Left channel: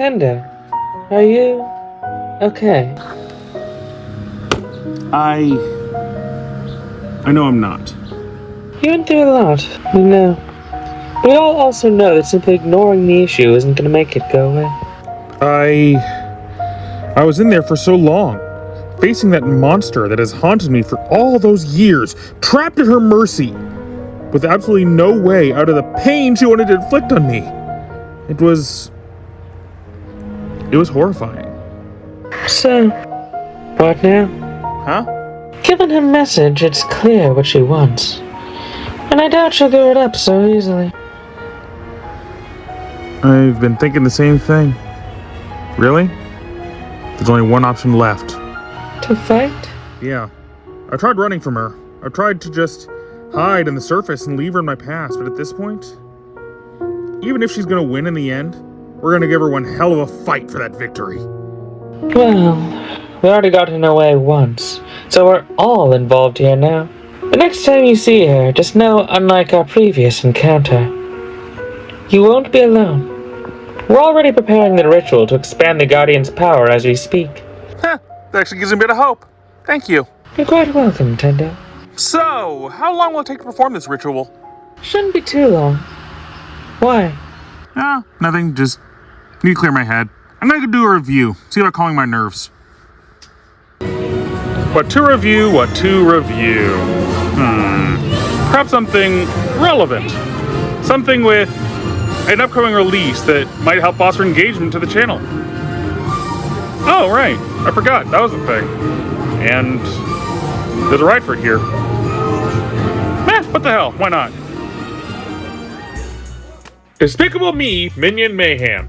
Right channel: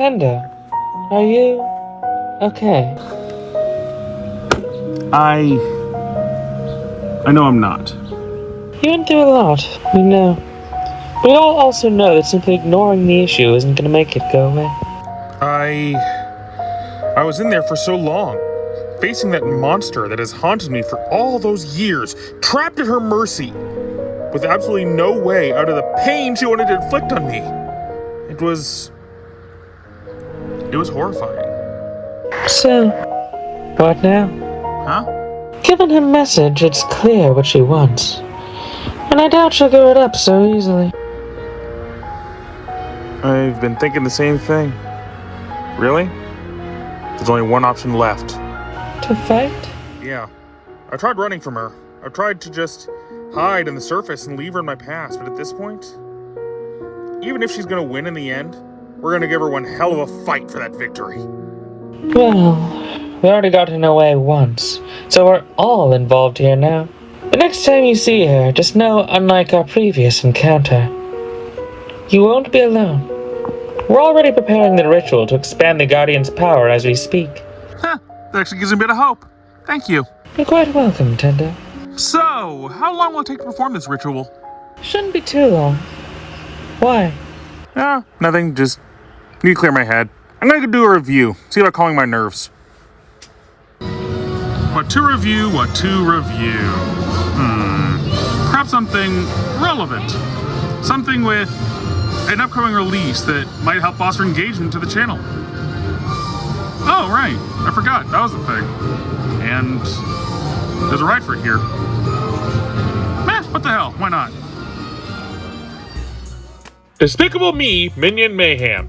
Tendo, are you okay? I know I'm not. You went through a lot, we know. We all also know that simply ignoring the issue isn't going to make it go away. I was in there for so long, facing that monster that has haunted me for all those years, trapped at her mercy, with absolutely no way out of the pain she wanted to inflict on me. It was horrifying. So, what now? Huh? Given her message, it's clear what she wants. And I doubt she'll give it up so easily. I've been thinking the same thing. Really? There's only one option left. To fight? Yeah. I tried running from her. I tried to just hide in the surface and leave her in my past, but at this point, even if she's gonna win in the end, we're gonna give her one hell of a fight for that victory. Well, we already got in her way once, so we're all involved here now. The next time you see her, just know, unlike our previous encounter, you won't be alone. We're already preparing the ritual to expand the Guardian's power as we speak. That actually gives me a bit of hope. Thank you. You're quite welcome, Tendo. So, how long will it take to perform this ritual? Shouldn't be too long. Why? Nothing, just need to clear my head. I'm gonna go do a review, see about calming my nerves. What to review? Perhaps something relevant. Something with an upcoming release that might help foster engagement to the channel. Oh, right. I forgot. That was the thing. And there's a ride for it here. What the hell? Why not? Despicable Me, Minion Mayhem.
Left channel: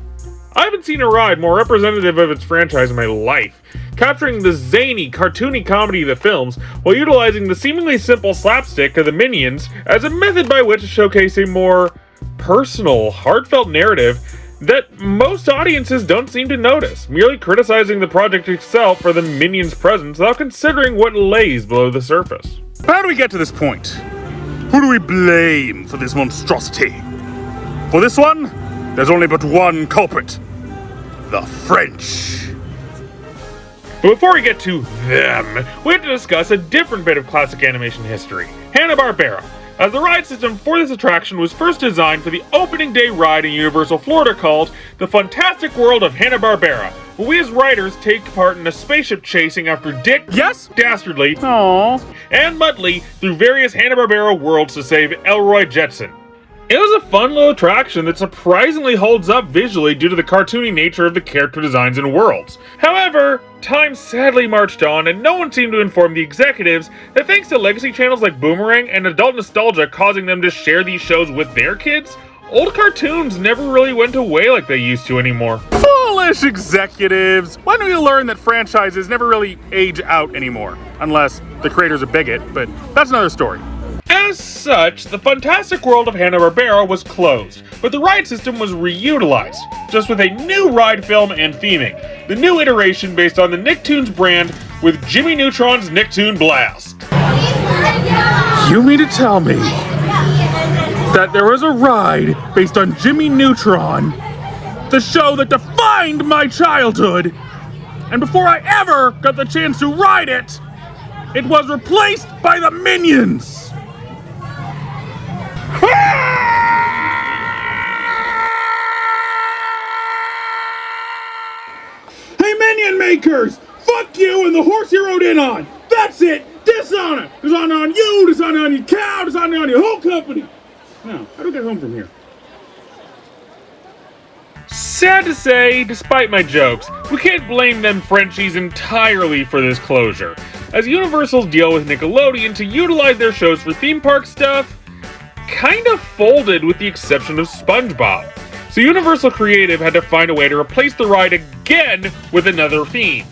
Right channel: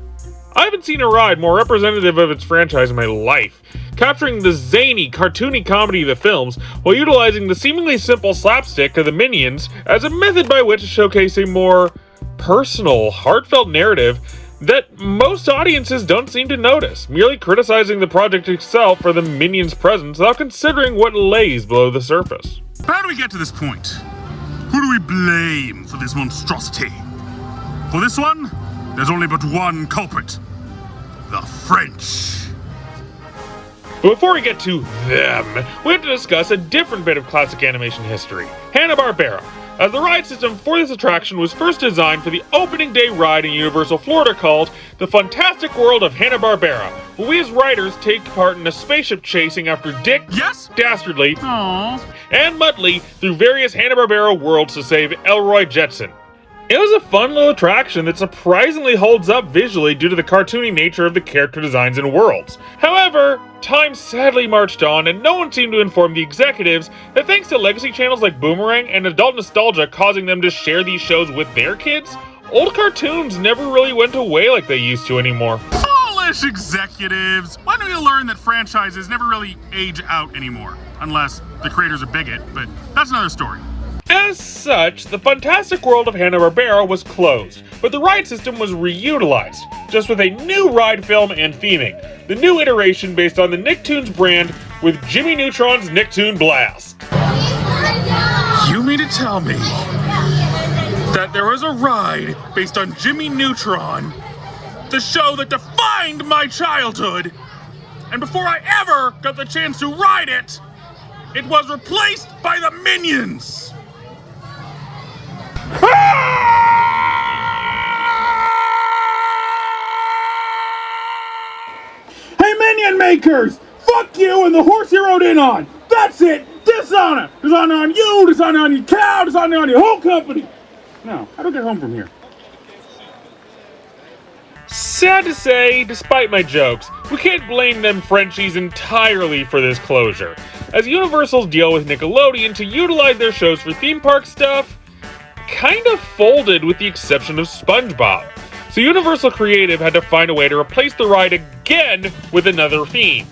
I haven't seen a ride more representative of its franchise in my life, capturing the zany, cartoony comedy of the films while utilizing the seemingly simple slapstick of the Minions as a method by which to showcase a more personal, heartfelt narrative that most audiences don't seem to notice, merely criticizing the project itself for the Minions' presence without considering what lays below the surface. How do we get to this point? Who do we blame for this monstrosity? For this one, there's only but one culprit. The French. But before we get to them, we have to discuss a different bit of classic animation history, Hanna-Barbera, as the ride system for this attraction was first designed for the opening day ride in Universal Florida called The Fantastic World of Hanna-Barbera, where we as riders take part in a spaceship chasing after Dick, Dastardly, and Muttley through various Hanna-Barbera worlds to save Elroy Jetson. It was a fun little attraction that surprisingly holds up visually due to the cartoony nature of the character designs and worlds. However, time sadly marched on and no one seemed to inform the executives that thanks to legacy channels like Boomerang and adult nostalgia causing them to share these shows with their kids, old cartoons never really went away like they used to anymore. Foolish executives! When do we learn that franchises never really age out anymore? Unless the creator's a bigot, but that's another story. As such, the Fantastic World of Hanna-Barbera was closed, but the ride system was reutilized, just with a new ride film and theming. The new iteration based on the Nicktoons brand with Jimmy Neutron's Nicktoon Blast. You mean to tell me that there was a ride based on Jimmy Neutron, the show that defined my childhood, and before I ever got the chance to ride it, it was replaced by the Minions! Hey, Minion makers! Fuck you and the horse you rode in on! That's it! Dishonor! Dishonor on you, dishonor on your cow, dishonor on your whole company! Now, how do I get home from here? Sad to say, despite my jokes, we can't blame them Frenchies entirely for this closure, as Universal's deal with Nickelodeon to utilize their shows for theme park stuff kind of folded with the exception of SpongeBob. So Universal Creative had to find a way to replace the ride again with another theme.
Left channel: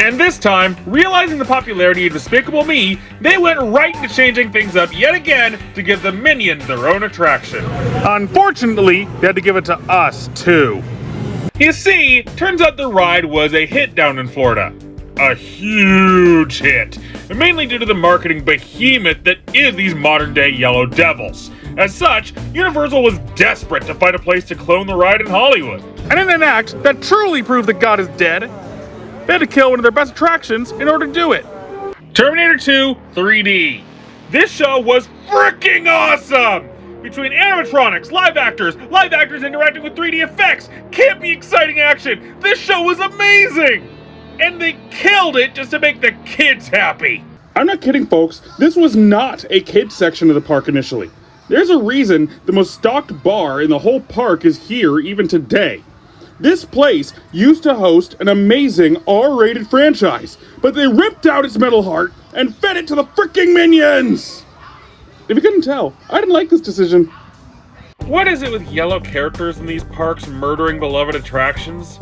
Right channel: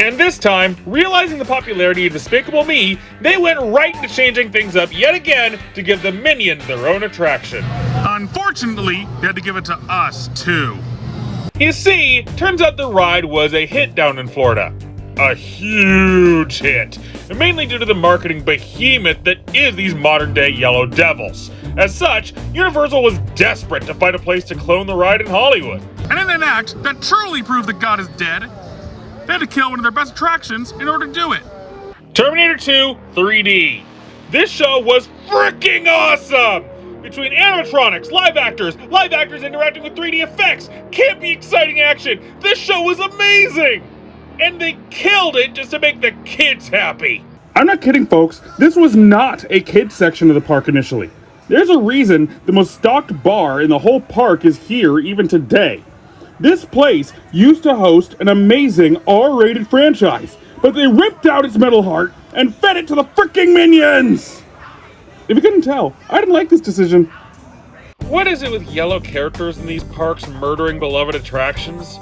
And this time, realizing the popularity of Despicable Me, they went right into changing things up yet again to give the Minions their own attraction. Unfortunately, they had to give it to us too. You see, turns out the ride was a hit down in Florida. A huge hit, and mainly due to the marketing behemoth that is these modern-day Yellow Devils. As such, Universal was desperate to find a place to clone the ride in Hollywood. And in an act that truly proved that God is dead, they had to kill one of their best attractions in order to do it. Terminator 2 3D. This show was freaking awesome! Between animatronics, live actors interacting with 3D effects, campy, exciting action, this show was amazing! And they killed it just to make the kids happy. I'm not kidding, folks. This was not a kids section of the park initially. There's a reason the most stocked bar in the whole park is here even today. This place used to host an amazing R-rated franchise, but they ripped out its metal heart and fed it to the freaking Minions! If you couldn't tell, I didn't like this decision. What is it with yellow characters in these parks murdering beloved attractions?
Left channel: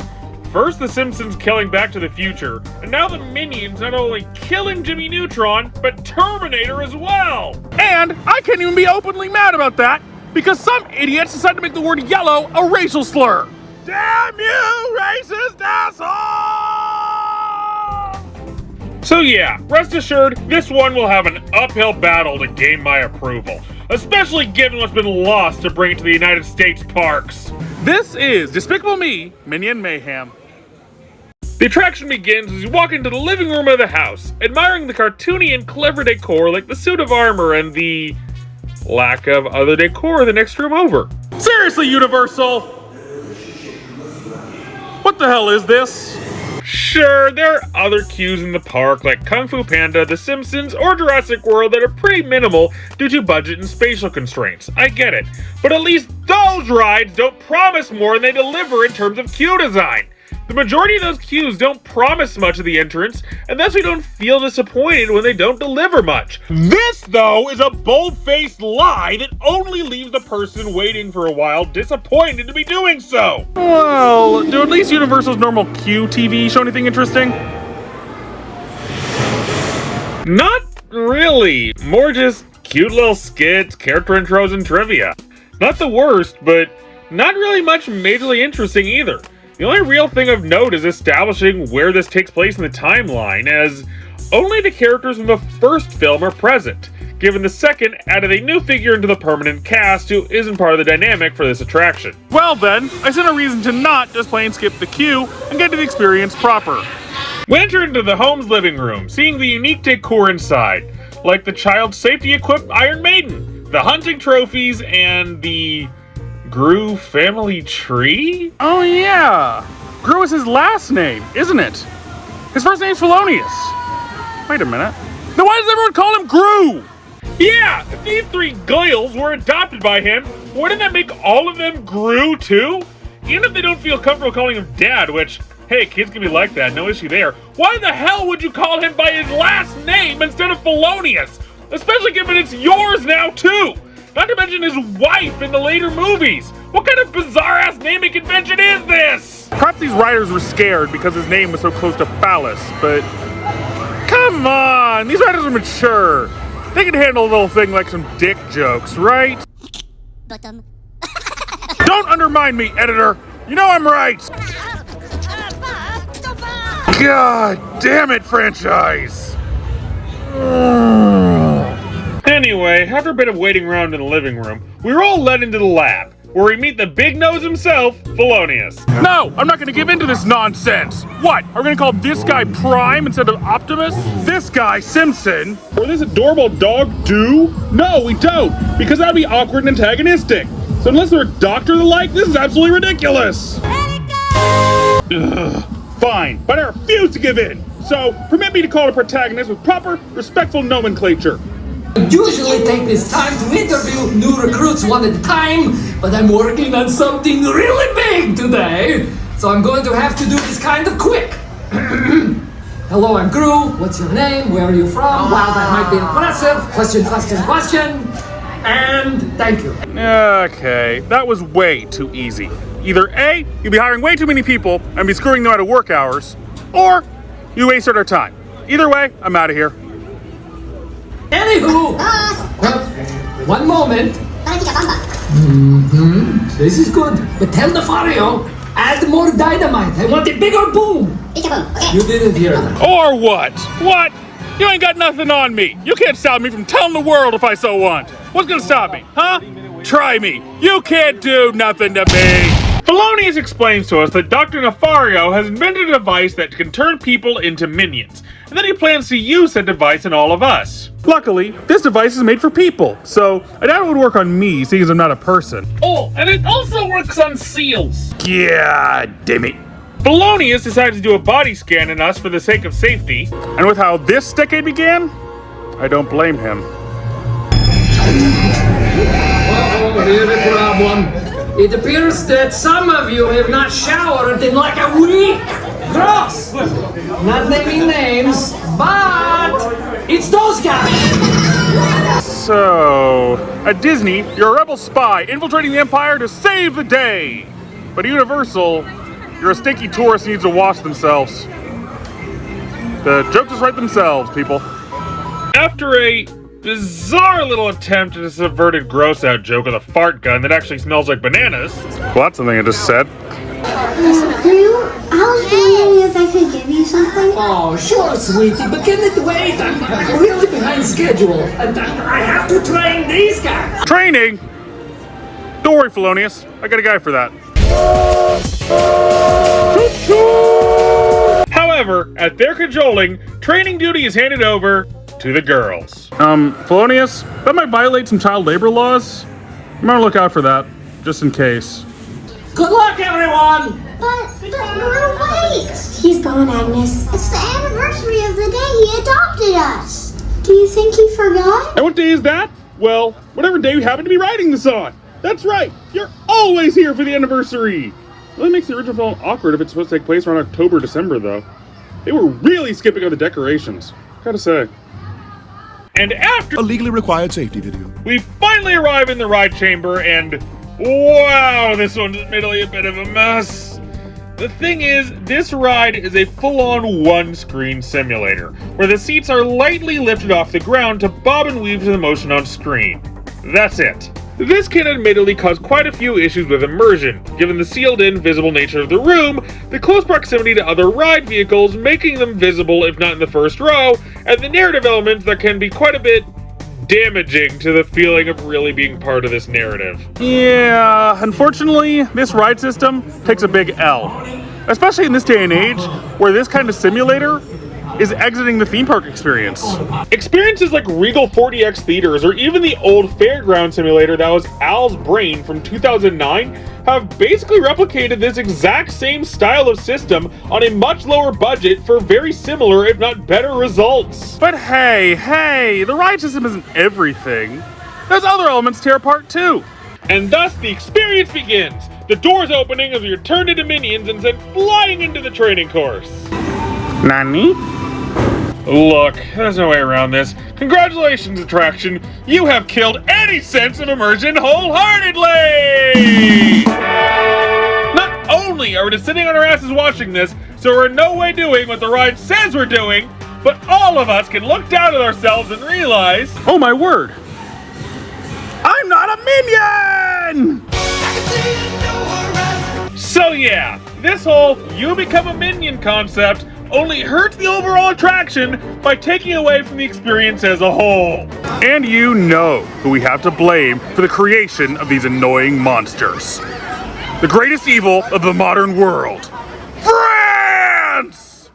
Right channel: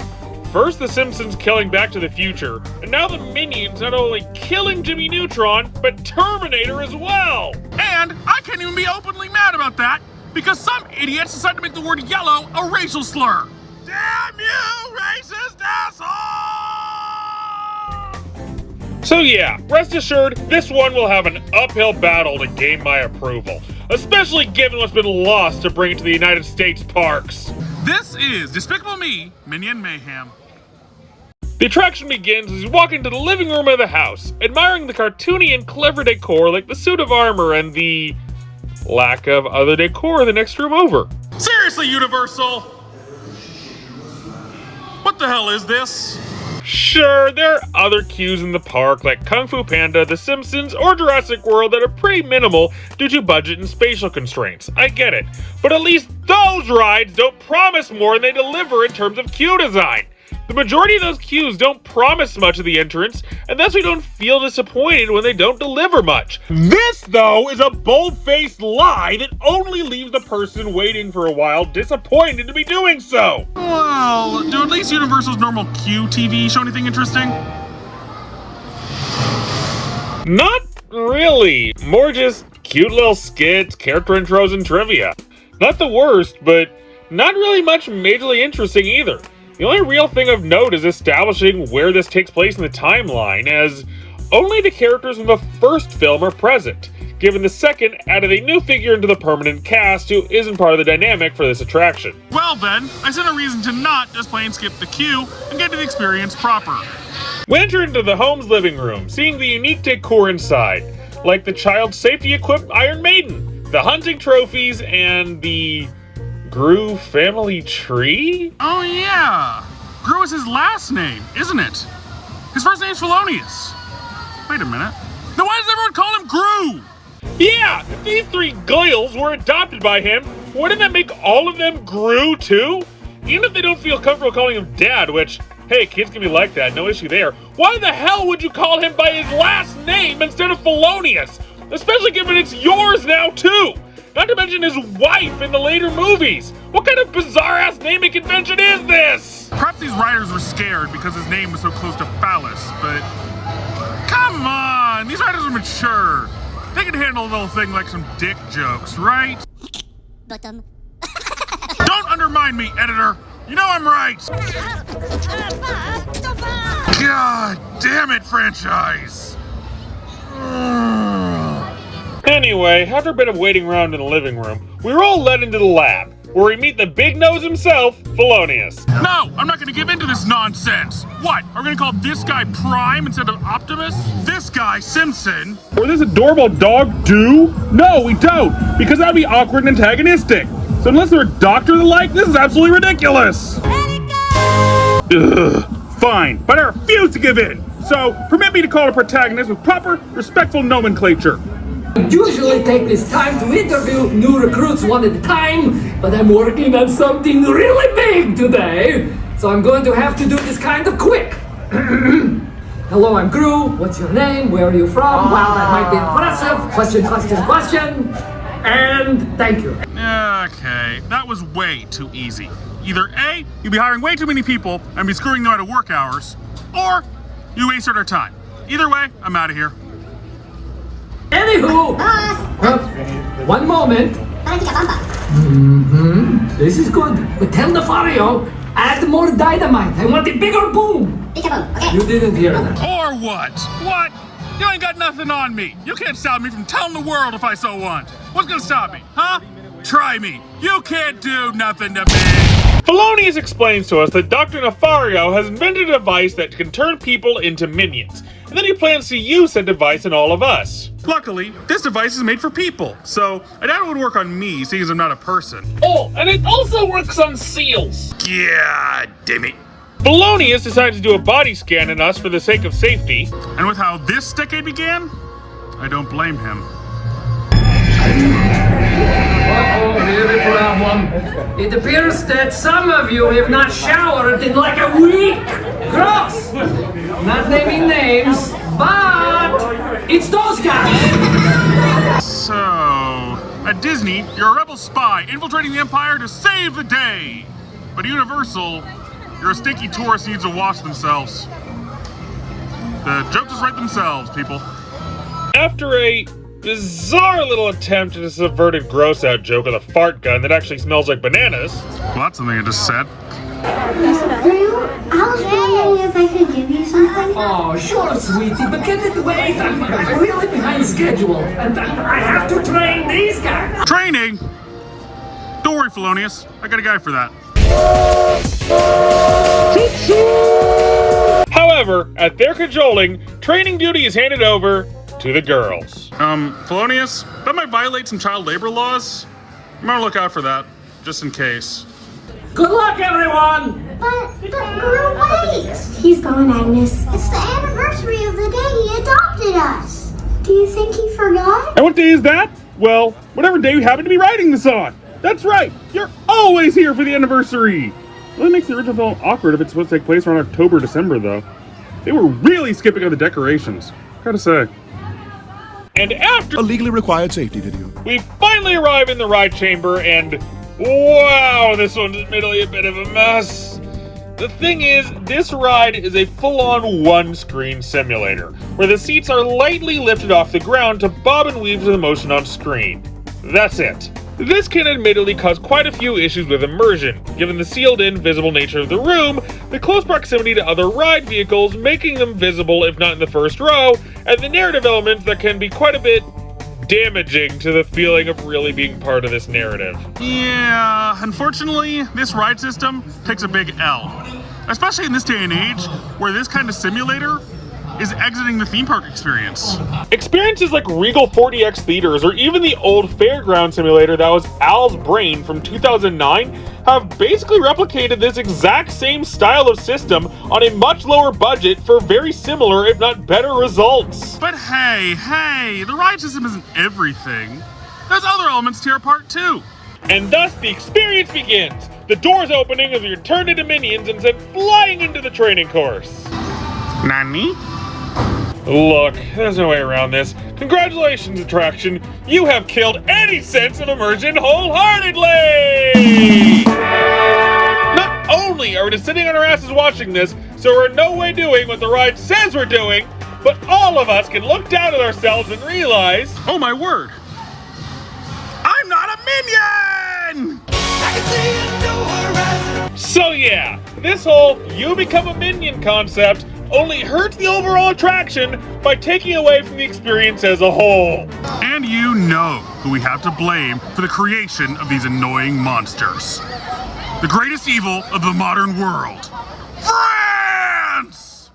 First the Simpsons killing Back to the Future, and now the Minions not only killing Jimmy Neutron, but Terminator as well! And I can't even be openly mad about that, because some idiots decided to make the word yellow a racial slur. Damn you, racist asshole! So yeah, rest assured, this one will have an uphill battle to gain my approval, especially given what's been lost to bring it to the United States parks. This is Despicable Me, Minion Mayhem. The attraction begins as you walk into the living room of the house, admiring the cartoony and clever decor like the suit of armor and the lack of other decor in the next room over. Seriously, Universal? What the hell is this? Sure, there are other cues in the park like Kung Fu Panda, The Simpsons, or Jurassic World that are pretty minimal due to budget and spatial constraints. I get it. But at least those rides don't promise more than they deliver in terms of queue design. The majority of those queues don't promise much of the entrance, and thus we don't feel disappointed when they don't deliver much. This, though, is a bold-faced lie that only leaves the person waiting for a while disappointed to be doing so. Well, do at least Universal's normal queue TV show anything interesting? Not really. More just cute little skits, character intros, and trivia. Not the worst, but not really much majorly interesting either. The only real thing of note is establishing where this takes place in the timeline, as only the characters from the first film are present, given the second added a new figure into the permanent cast who isn't part of the dynamic for this attraction. Well then, I see no reason to not just plain skip the queue and get to the experience proper. We enter into the home's living room, seeing the unique decor inside, like the child safety-equipped Iron Maiden, the hunting trophies, and the Gru family tree? Oh yeah! Gru is his last name, isn't it? His first name's Felonious. Wait a minute. Then why does everyone call him Gru? Yeah, if these three Goyles were adopted by him, wouldn't that make all of them Gru too? Even if they don't feel comfortable calling him Dad, which, hey, kids can be like that, no issue there. Why the hell would you call him by his last name instead of Felonious? Especially given it's yours now too! Not to mention his wife in the later movies! What kind of bizarre-ass naming convention is this? Perhaps these writers were scared because his name was so close to phallus, but come on, these writers are mature. They can handle a little thing like some dick jokes, right? Bottom. Don't undermine me, editor. You know I'm right. God damn it, franchise. Anyway, after a bit of waiting around in the living room, we were all led into the lab, where we meet the big nose himself, Felonious. No, I'm not gonna give in to this nonsense. What, are we gonna call this guy Prime instead of Optimus? This guy Simpson? What does this adorable dog do? No, we don't, because that'd be awkward and antagonistic. So unless they're a doctor or the like, this is absolutely ridiculous. Let it go! Ugh, fine, but I refuse to give in. So permit me to call a protagonist with proper, respectful nomenclature. I usually take this time to interview new recruits one at a time, but I'm working on something really big today, so I'm going to have to do this kind of quick. Hello, I'm Gru. What's your name? Where are you from? Wow, that might be impressive. Question. And thank you. Okay, that was way too easy. Either A, you'll be hiring way too many people and be screwing them out of work hours, or you wasted our time. Either way, I'm out of here. Anywho, one moment. This is good, but tell the Fario, add more dynamite. I want a bigger boom. You didn't hear that. Or what? What? You ain't got nothing on me. You can't stop me from telling the world if I so want. What's gonna stop me, huh? Try me. You can't do nothing to me. Felonius explains to us that Dr. Nefario has invented a device that can turn people into minions, and that he plans to use that device on all of us. Luckily, this device is made for people, so I doubt it would work on me, seeing as I'm not a person. Oh, and it also works on seals. Yeah, damn it. Felonius decided to do a body scan on us for the sake of safety. And with how this decade began, I don't blame him. Here's the problem. It appears that some of you have not showered in like a week. Gross! Not naming names, but it's those guys. So, at Disney, you're a rebel spy infiltrating the Empire to save the day. But at Universal, you're a stinky tourist who needs to wash themselves. The jokes just write themselves, people. After a bizarre little attempt at a subverted gross-out joke with a fart gun that actually smells like bananas. Well, that's something I just said. Drew, I was wondering if I could give you something. Oh, sure, sweetie, but can it wait? I'm really behind schedule. And I have to train these guys. Training? Don't worry, Felonius. I got a guy for that. However, at their cajoling, training duty is handed over to the girls. Felonius, that might violate some child labor laws. You might look out for that, just in case. Good luck, everyone! But Drew, wait! He's gone, Agnes. It's the anniversary of the day he adopted us. Do you think he forgot? And what day is that? Well, whatever day you happen to be writing this on. That's right, you're always here for the anniversary. Really makes the original film awkward if it's supposed to take place around October, December, though. They were really skipping on the decorations, gotta say. And after A legally required safety video. we finally arrive in the ride chamber, and wow, this one's admittedly a bit of a mess. The thing is, this ride is a full-on one-screen simulator, where the seats are lightly lifted off the ground to bob and weave to the motion on screen. That's it. This can admittedly cause quite a few issues with immersion, given the sealed-in, visible nature of the room, the close proximity to other ride vehicles making them visible if not in the first row, and the narrative elements that can be quite a bit damaging to the feeling of really being part of this narrative. Yeah, unfortunately, this ride system takes a big L. Especially in this day and age, where this kind of simulator is exiting the theme park experience. Experiences like Regal 40X Theaters or even the old Fairground simulator that was Al's Brain from 2009 have basically replicated this exact same style of system on a much lower budget for very similar, if not better, results. But hey, the ride system isn't everything. There's other elements to tear apart too. And thus the experience begins. The doors opening as you're turned into minions and sent flying into the training course. Nani? Look, there's no way around this. Congratulations, attraction. You have killed any sense of immersion wholeheartedly! Not only are we just sitting on our asses watching this, so we're in no way doing what the ride says we're doing, but all of us can look down at ourselves and realize, Oh my word! I'm not a minion! so yeah, this whole you become a minion concept only hurts the overall attraction by taking away from the experience as a whole. And you know who we have to blame for the creation of these annoying monsters. The greatest evil of the modern world. France!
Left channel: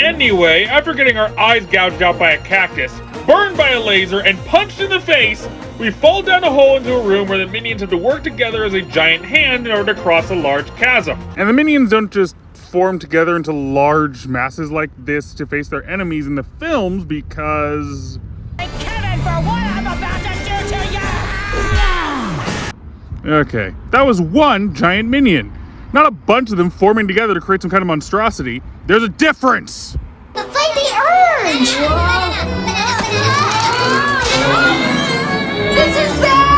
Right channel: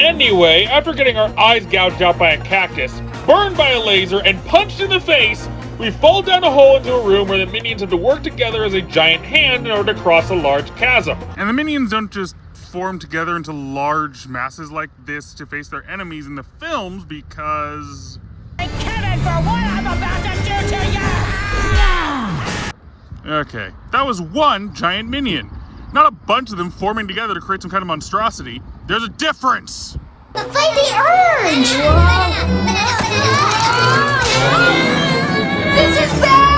Anyway, after getting our eyes gouged out by a cactus, burned by a laser, and punched in the face, we fall down a hole into a room where the minions have to work together as a giant hand in order to cross a large chasm. And the minions don't just form together into large masses like this to face their enemies in the films because... Kidding for what I'm about to do to you! Okay, that was one giant minion. Not a bunch of them forming together to create some kind of monstrosity. There's a difference! Fight the urge! This is bad!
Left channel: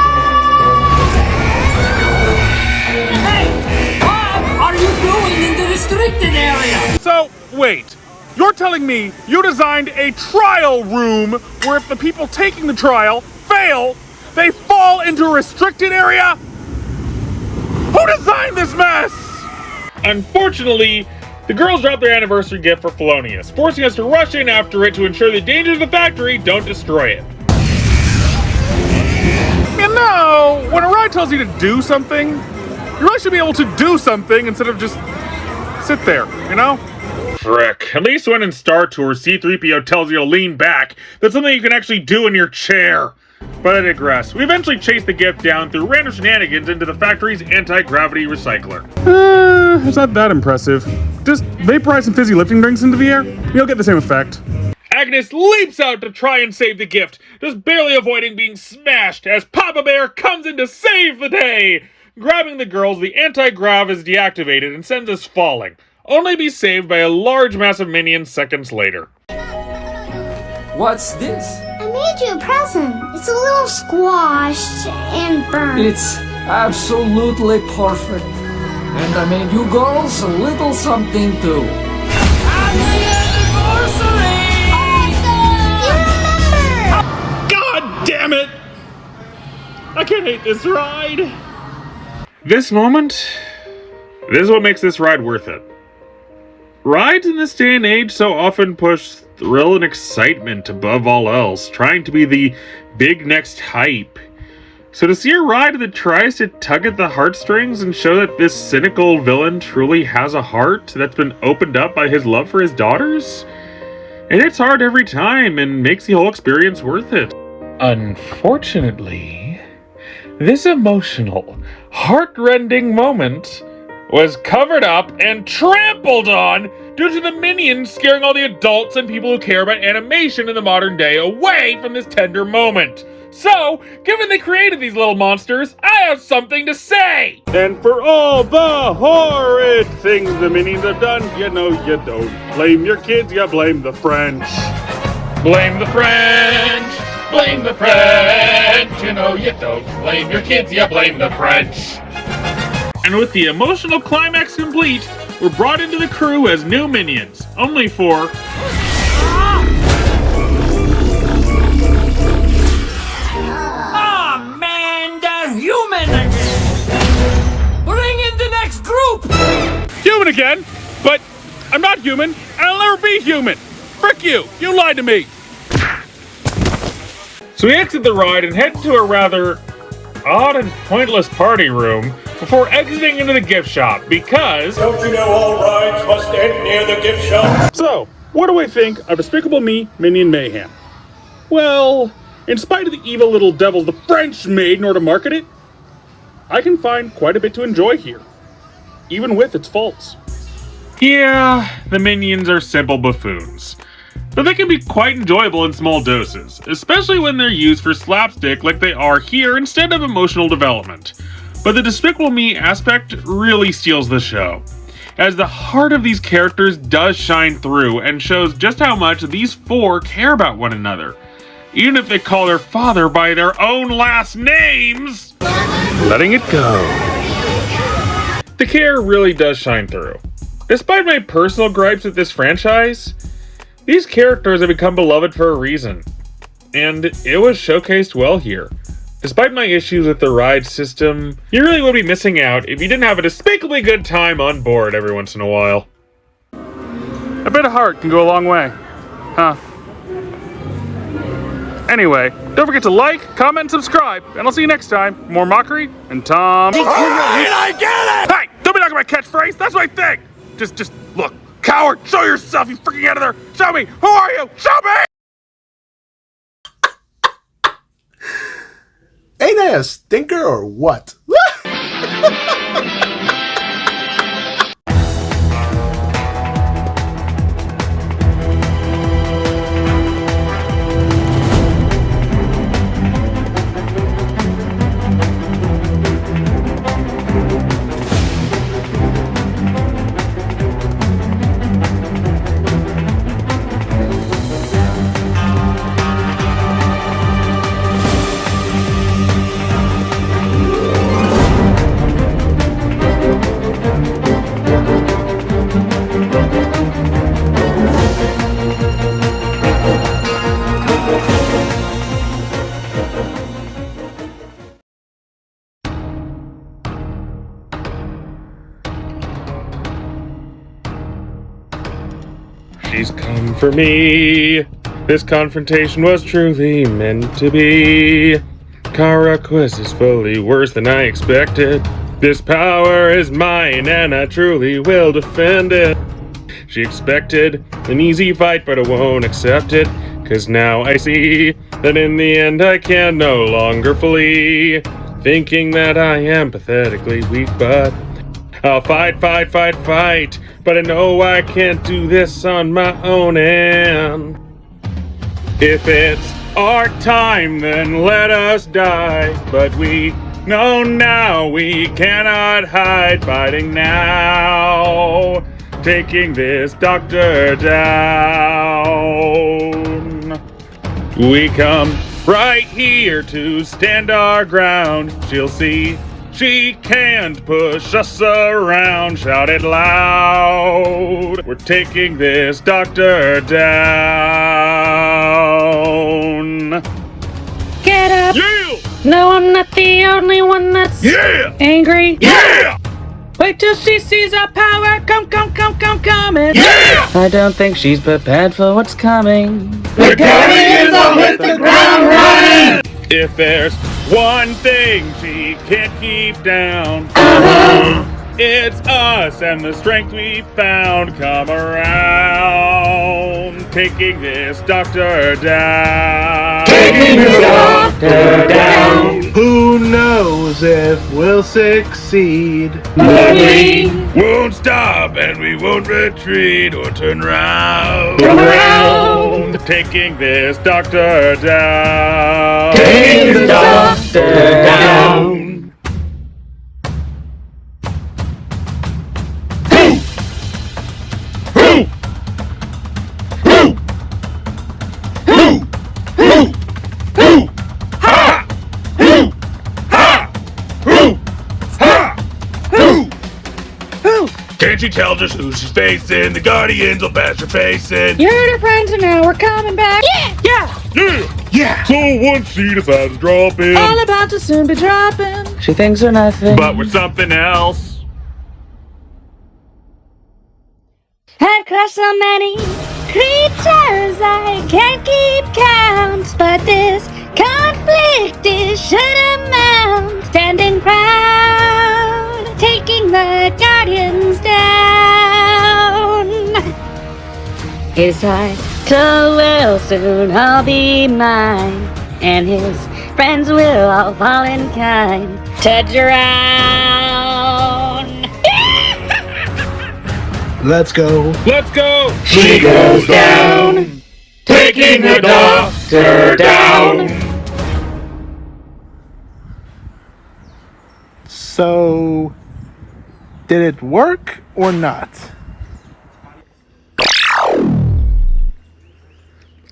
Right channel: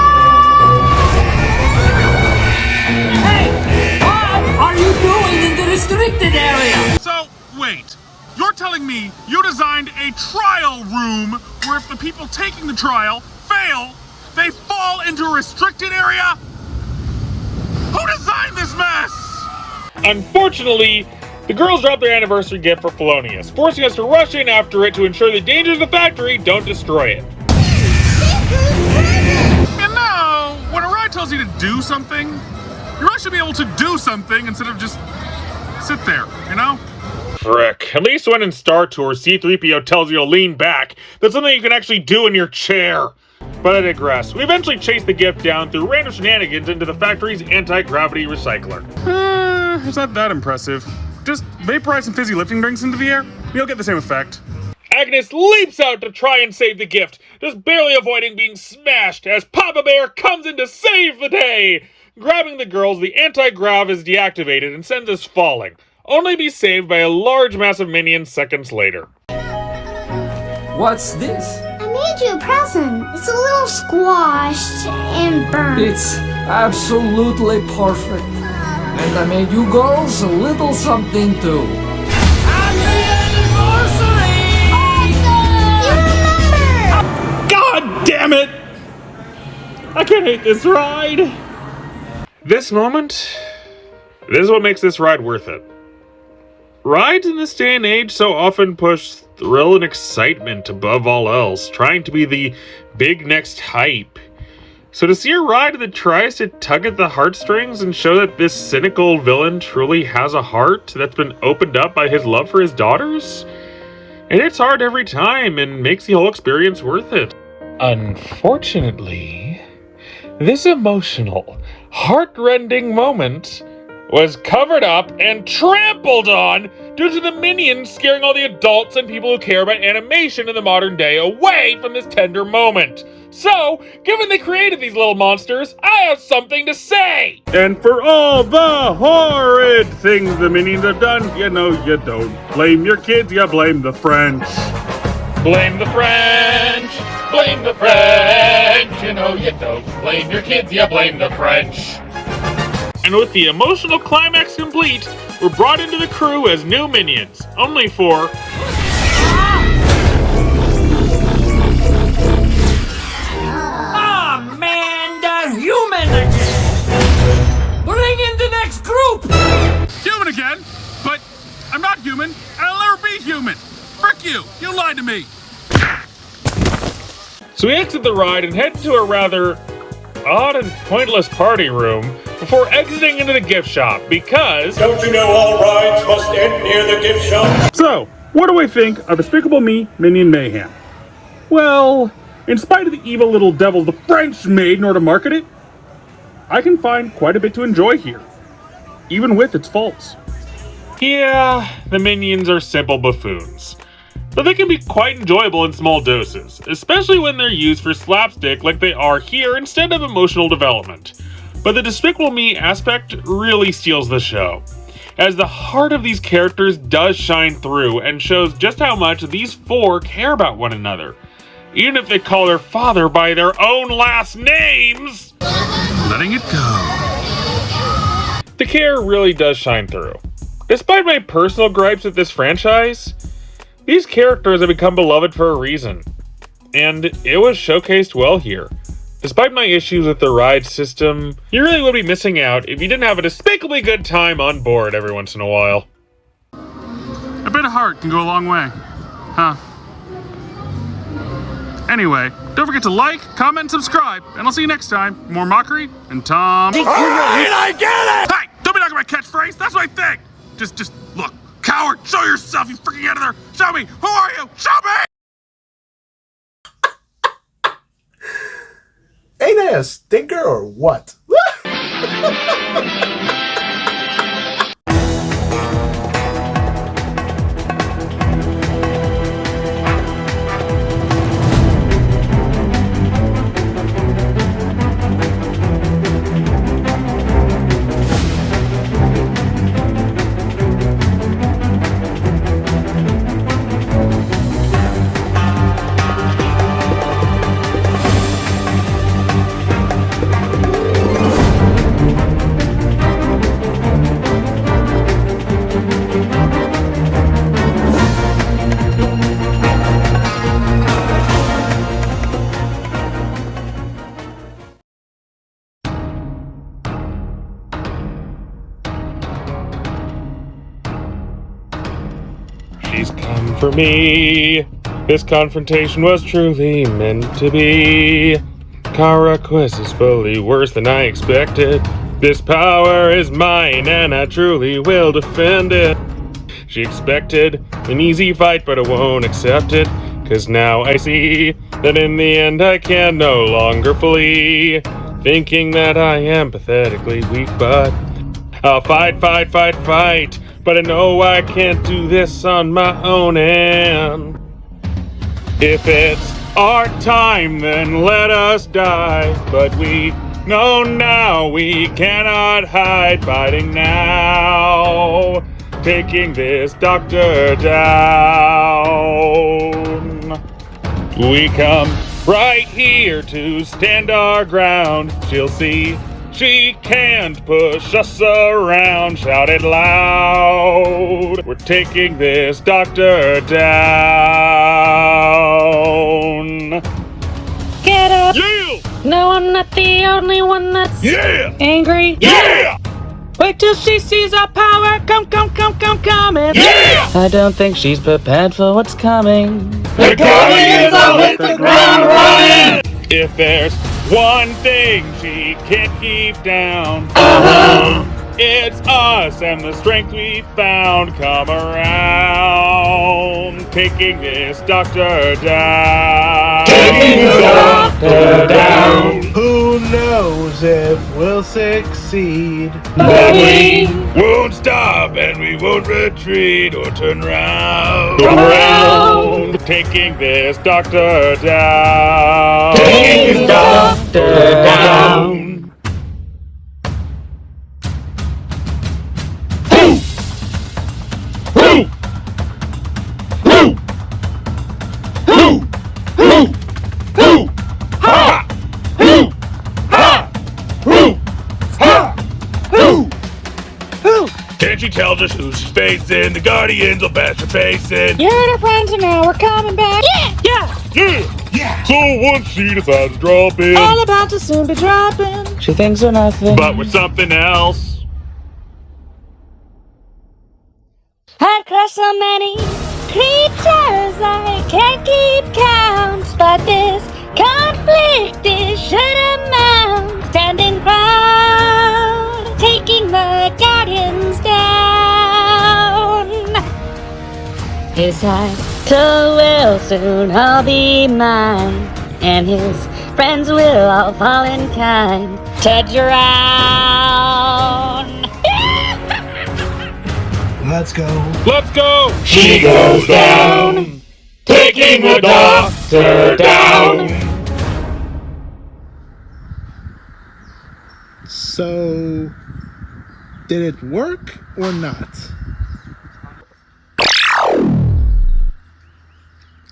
Hey! What are you doing in the restricted area? So, wait. You're telling me you designed a trial room where if the people taking the trial fail, they fall into a restricted area? Who designed this mess? Unfortunately, the girls dropped their anniversary gift for Felonius, forcing us to rush in after it to ensure the dangers of the factory don't destroy it. Man, know, when a ride tells you to do something, you really should be able to do something instead of just sit there, you know? Frick. At least when in Star Tours, C-3PO tells you to lean back, that's something you can actually do in your chair. But I digress. We eventually chase the gift down through random shenanigans into the factory's anti-gravity recycler. It's not that impressive. Just vaporize some fizzy lifting drinks into the air, you'll get the same effect. Agnes leaps out to try and save the gift, just barely avoiding being smashed as Papa Bear comes in to save the day! Grabbing the girls, the anti-grav is deactivated and sends us falling, only to be saved by a large mass of minions seconds later. What's this? I made you a present. It's a little squashed and burnt. It's absolutely perfect. And I made you girls a little something too. Happy anniversary! God damn it! I can't hate this ride! This moment, this is what makes this ride worth it. Rides in this day and age so often push thrill and excitement above all else, trying to be the big next hype. So to see a ride that tries to tug at the heartstrings and show that this cynical villain truly has a heart that's been opened up by his love for his daughters, it hits hard every time and makes the whole experience worth it. Unfortunately, this emotional, heart-rending moment was covered up and trampled on due to the minions scaring all the adults and people who care about animation in the modern day away from this tender moment. So, given they created these little monsters, I have something to say! And for all the horrid things the minions have done, you know, you don't blame your kids, you blame the French. Blame the French! Blame the French! You know you don't blame your kids, you blame the French! And with the emotional climax complete, we're brought into the crew as new minions, only for... Oh man, the human again! Bring in the next group! Human again? But I'm not human, and I'll never be human! Frick you! You lied to me! So we exit the ride and head to a rather odd and pointless party room before exiting into the gift shop because... Don't you know all rides must end near the gift shop? So, what do we think of Despicable Me, Minion Mayhem? Well, in spite of the evil little devil the French made in order to market it, I can find quite a bit to enjoy here, even with its faults. Yeah, the minions are simple buffoons. But they can be quite enjoyable in small doses, especially when they're used for slapstick like they are here instead of emotional development. But the Despicable Me aspect really steals the show, as the heart of these characters does shine through and shows just how much these four care about one another, even if they call their father by their own last names. Letting it go. The care really does shine through. Despite my personal gripes with this franchise, these characters have become beloved for a reason, and it was showcased well here. Despite my issues with the ride system, you really would be missing out if you didn't have a despicably good time on board every once in a while. A bit of heart can go a long way. Huh. Anyway, don't forget to like, comment, and subscribe, and I'll see you next time. More mockery and Tom. Alright, I get it! Hey, don't be knocking my catchphrase, that's my thing! Just look. Coward, show yourself, you freaking editor! Show me! Who are you? Show me! Ain't I a stinker or what? She's come for me. This confrontation was truly meant to be. Kara quiz is fully worse than I expected. This power is mine and I truly will defend it. She expected an easy fight, but I won't accept it. 'Cause now I see that in the end I can no longer flee. Thinking that I am pathetically weak, but I'll fight. But I know I can't do this on my own end. If it's our time, then let us die. But we know now we cannot hide. Fighting now, taking this doctor down. We come right here to stand our ground. She'll see she can't push us around. Shout it loud. We're taking this doctor down. Get up! Yeah! No, I'm not the only one that's angry. Yeah! Wait till she sees our power coming. Yeah! I don't think she's prepared for what's coming. The Guardians will hit the ground running! If there's one thing she can't keep down, it's us and the strength we found. Come around, taking this doctor down. Taking this doctor down! Who knows if we'll succeed? We won't stop and we won't retreat or turn round. Come around! Taking this doctor down. Taking this doctor down! Can't she tell just who she's facing? The Guardians will bash her face in. You're the friends and now we're coming back. Yeah! Yeah! So once she decides to drop in, All about to soon be dropping. She thinks we're nothing. but we're something else. I've crushed so many creatures I can't keep count, but this conflict is shut amount. Standing proud, taking the Guardians down. His title will soon all be mine, and his friends will all fall in kind to drown. Let's go. Let's go! She goes down, taking the doctor down! So, did it work or not?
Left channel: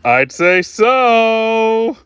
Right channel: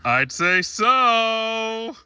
I'd say so.